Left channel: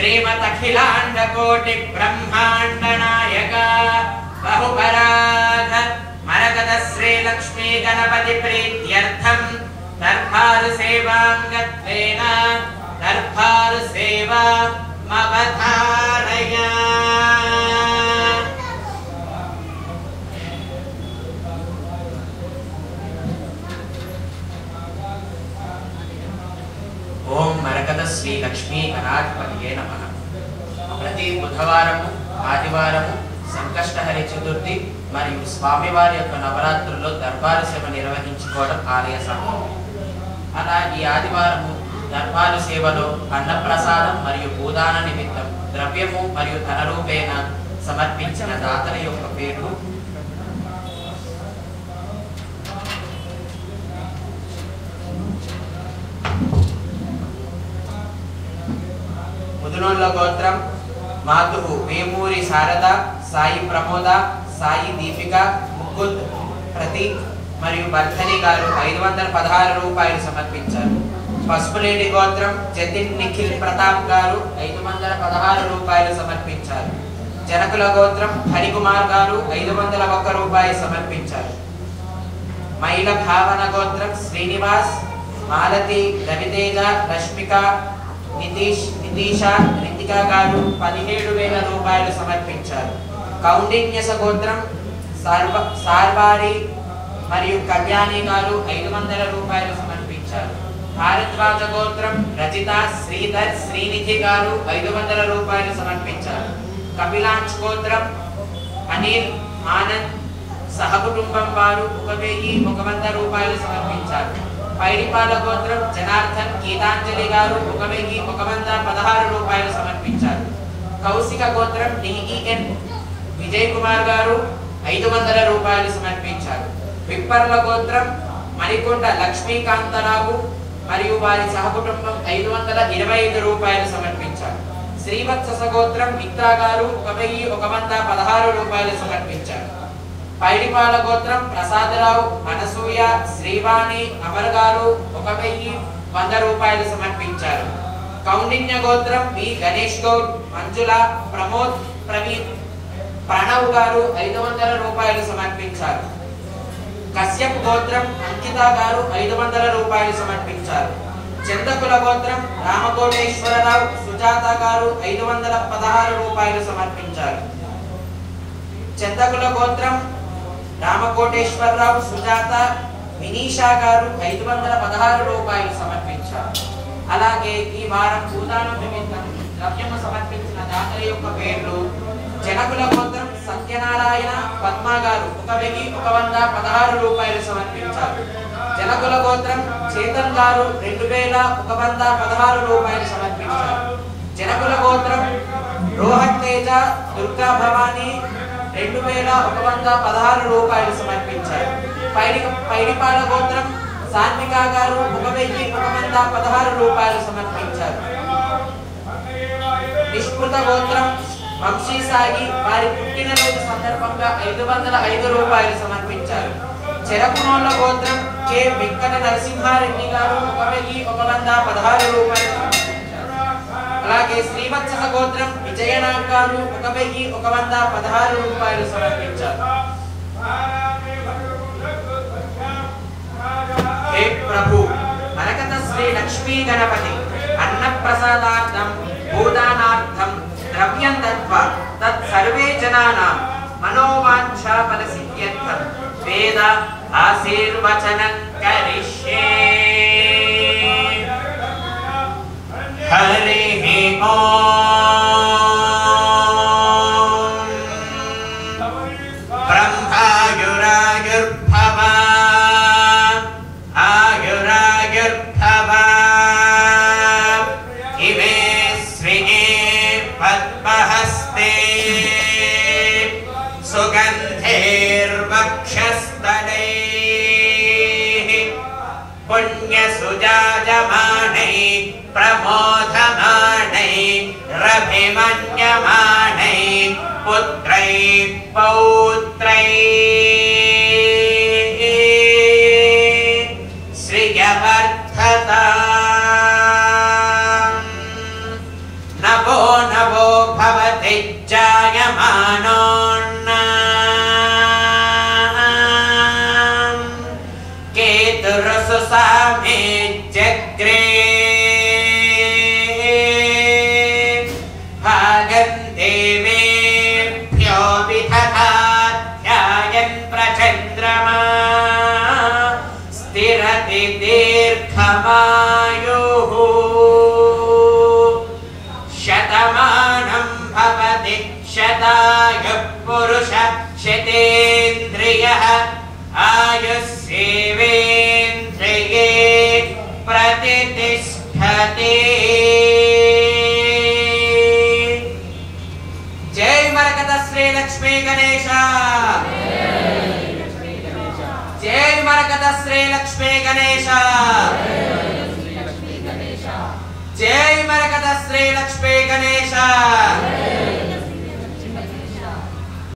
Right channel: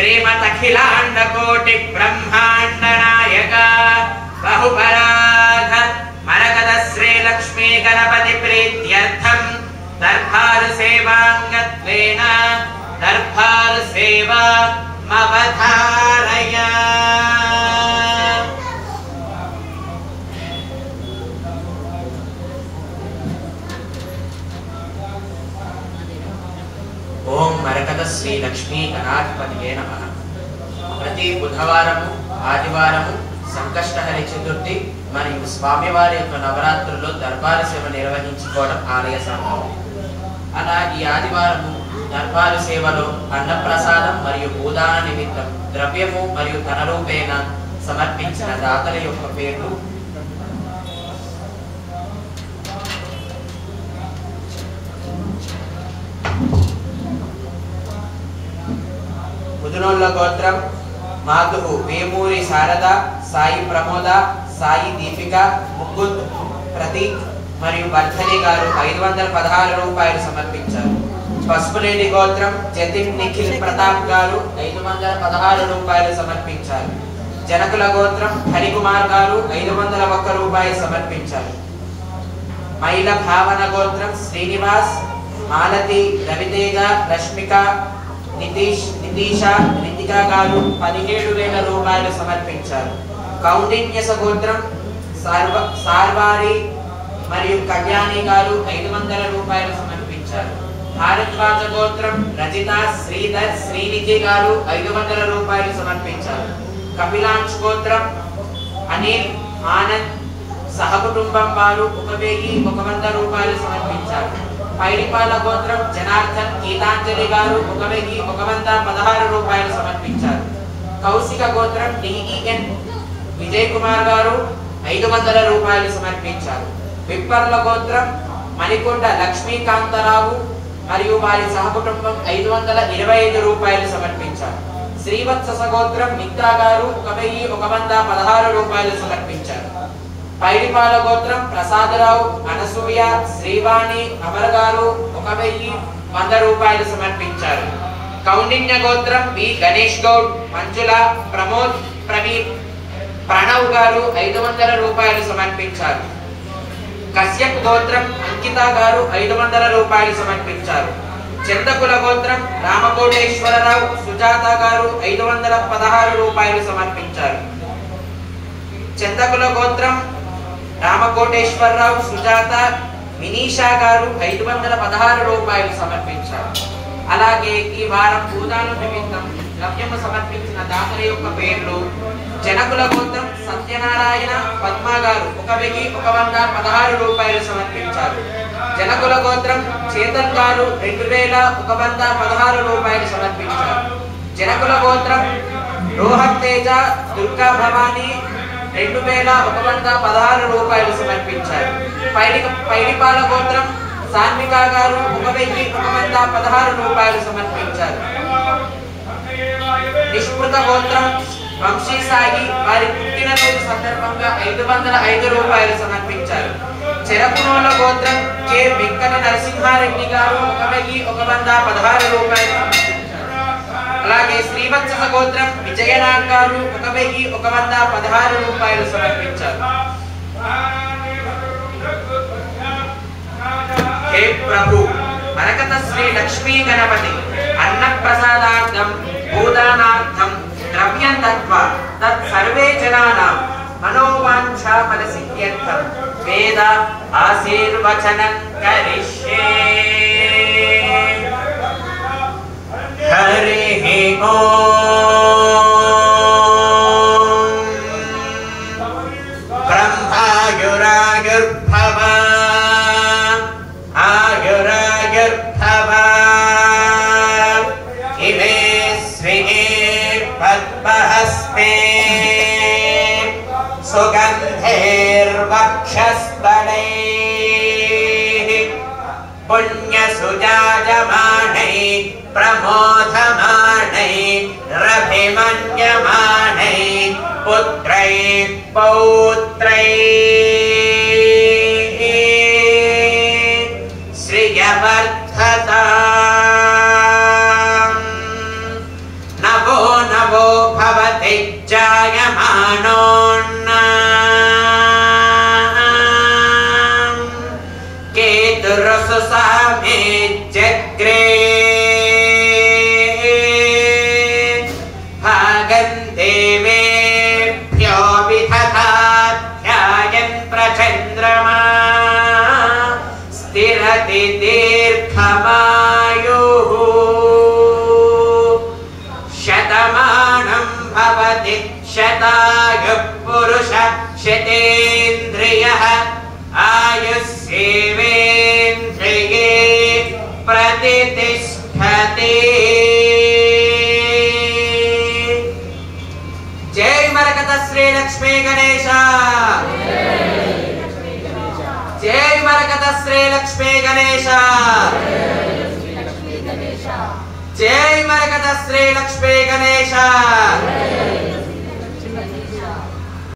श्रीमदखिलाण्डकोटि ब्रह्माण्ड नायक बहुपराध मरकत श्री लक्ष्मी गणपति प्रीत्यर्थं दरबार सेवांगत्वेन दरबार सेवा मवधारय। ओम मरकत श्री लक्ष्मी गणाधिपतये नमः। प्रति बुधवारము ఆదివారము సంకష్టహరి చతుర్థి మరియు స్వామివారి యొక్క నవరాత్రుల్లో దర్బారు సేవ నిర్వహించుకోవడం ఆలయ సంకల్పం. అలా ఈ ఆదివారము దర్బారు సేవలో అన్నప్రసాదం మరియు భూదాన నిమిత్తం ద్రవ్యము మరియు ధన రూపేణ సమర్పించిన దాతల యొక్క పేర్లు ముదునోళ్ళ గోత్రం మాధు వేమూరి శారద, సాయి ప్రమోద, సాయి దీపిక, ముకుంద్ ప్రతీక్ మరియు వర్ధని గారు 516 రూపాయలు సమర్పించారు. పసుపులేటి గోత్రం జతిన్ నిఖిల్ ప్రతాప్ గారు 516 రూపాయలు సమర్పించారు. జనకుల గోత్రం హరికుమార్ గారు 501 రూపాయలు సమర్పించారు. మైల భావన గోత్రం శ్రీనివాస్, మాలతి, రవితేజ, రష్మిక, నితీష, రితిక గారు 17,000 రూపాయలు సమర్పించారు. కౌండిన్యస గోత్రం సార్వారి మరియు కళ్యాణి గారు 500 రూపాయలు సమర్పించారు. భారద్వాజ గోత్రం రజిత, శ్రీధర్, శ్రీనిధి గారు 500 రూపాయలు సమర్పించారు. కపిలాంచ్ గోత్రం అనిల్, ఆనంద్ సహకుటుంబం వారు 1,100 రూపాయలు సమర్పించారు. పైడిపాల గోత్రం జనార్దన్, గీతాంజలి గారు 1,116 రూపాయలు సమర్పించారు. కౌశిక గోత్రం డిఈఎన్ విజయ్ కుమార్ గారు 500 రూపాయలు సమర్పించారు. విప్పర్ల గోత్రం మణికొండ లక్ష్మీకాంతరావు మరియు వారి సహకుటుంబం 525 రూపాయలు సమర్పించారు. శ్రీవత్స గోత్రం మిత్రా గారు 1,116 రూపాయలు సమర్పించారు. పైడిపాల గోత్రం ప్రసాదరావు, అనసూయ, శ్రీవాణి, అమర్ గారు 1,100 రూపాయలు సమర్పించారు. కౌండిన్య గోత్రం వి గణేష్ గౌడ్, మంజుల, ప్రమోద్, ప్రవీణ్, ప్రణవ్ గారు 500 రూపాయలు సమర్పించారు. కశ్యప్ గోత్రం అంకిత గారు 500 రూపాయలు సమర్పించారు. చందకుల గోత్రం రామకోటేశ్వరరావు, సుజాత గారు 516 రూపాయలు సమర్పించారు. చందకుల గోత్రం రామకోటేశ్వరరావు, సుజాత, వినీషా గారు 516 రూపాయలు సమర్పించారు. అలాగే ఈ వారం భూదానం నిమిత్తం ద్రవ్యము సమర్పించిన దాతల యొక్క పేర్లు జనకుల గోత్రం సత్యనారాయణ, పద్మ గారు 1,116 రూపాయలు సమర్పించారు. జనకుల గోత్రం చేతన్ గారు 2,116 రూపాయలు సమర్పించారు. జనకుల గోత్రం రోహన్ తేజ, దుర్గా భవాని 2,116 రూపాయలు సమర్పించారు. పైడిపాల గోత్రం సాన్విక గారు 1,116 రూపాయలు సమర్పించారు. నిష్పృత గోత్రం వంశీ సాయి వారి పుట్టినరోజు సందర్భంగా 505 రూపాయలు సమర్పించారు. చెరకునోల గోత్రం కె వెంకట నరసింహారెడ్డి గారు 1,116 రూపాయలు సమర్పించారు. అలాగే శ్రీవత్స గోత్రం విజయనాథ్ గారు 1,116 రూపాయలు సమర్పించారు. हे प्रभु मरकत श्री लक्ष्मी गणपति अन्न प्रसादार्थं भूदानार्थं द्रव्यं दत्त्वा तत् सर्वे जनानां मनोवांछा फलसिद्ध्यर्थं वेद आशीर्वचनं करिष्ये। हरिः ओम ब्रह्मायुरायुर्भव आयुरायुर्भव इमे श्रिये पद्महस्ते सुगन्धैर्वक्षस्थलैः पुण्यसुजायमानैः प्रमोदमानैः रभिमन्यमानैः पुत्रैः पौत्रैः श्रियवर्धताम् नमो शतायुः पुरुष शतेन्द्रियः आयुष्येवेन्द्रिये प्रतिष्ठते। जय मरकत श्री लक्ष्मी गणेश, जय मरकत श्री लक्ष्मी गणेश, जय मरकत श्री लक्ष्मी गणेश।